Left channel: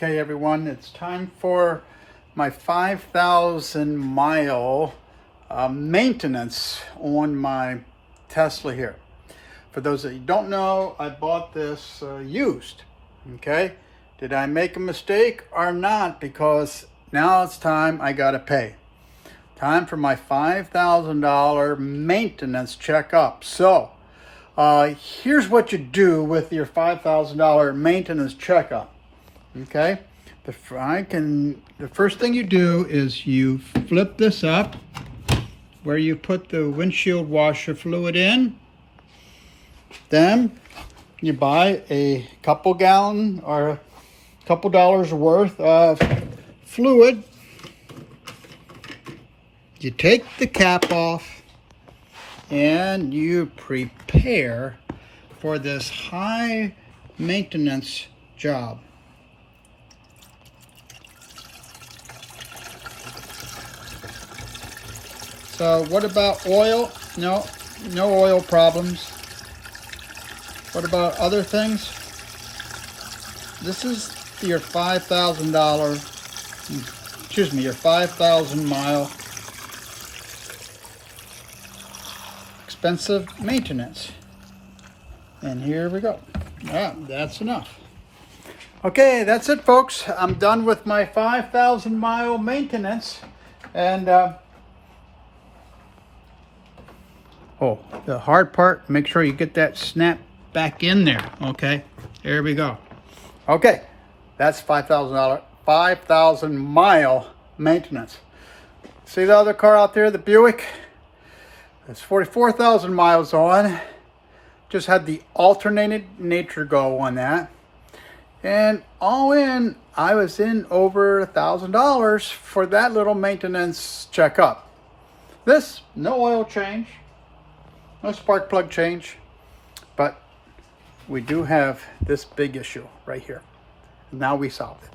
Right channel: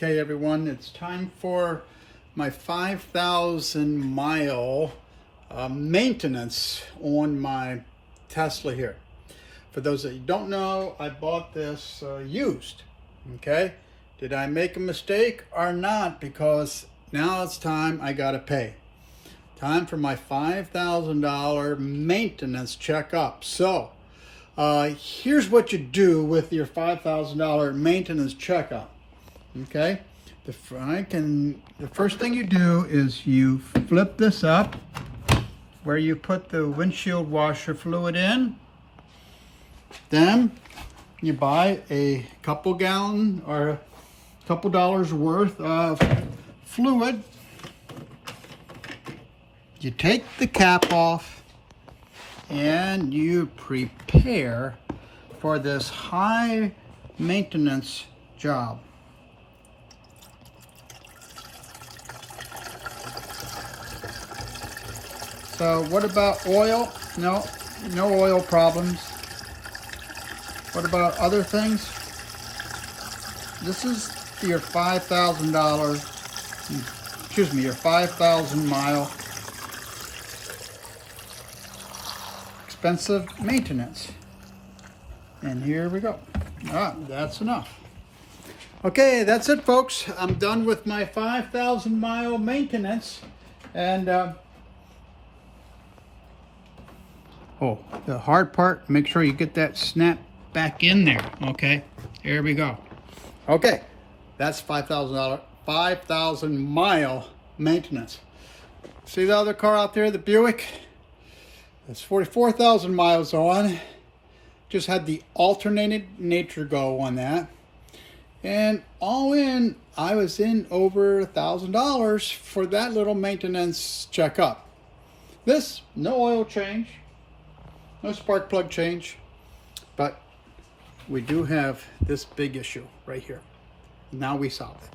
Okay, everyone, it's time for my 5,000 mile maintenance on my Tesla here. For those that you don't know, I bought this used. Okay, did I make a mistake or not? Because now it's time I gotta pay. Time for my $5,000 maintenance checkup. So here's what you do with your $5,000 maintenance checkup. Okay, the first thing you do is you flip this up where you put the windshield washer fluid in. Then you buy a couple gallon or a couple dollars worth of fluid. You take the cap off and you prepare for this high maintenance job. So what about oil? No oil problems. What about other things? This is your $5,000, excuse me, your 5,000 mile expensive maintenance. And here we go. That's enough. Okay, that's it, folks. I'm done with my 5,000 mile maintenance. And oh, the hard part, make sure you get that snap back in there. Okay, here we go. Okay, that's $5,000 mile maintenance. See the other car out there, the Buick? It's 44,000 miles on. Just had the alternated nature go on that. And all in, I was in over $1,000 for that little maintenance checkup. This, no oil change. No spark plug change, but we do have this big issue right here. Now we solved it.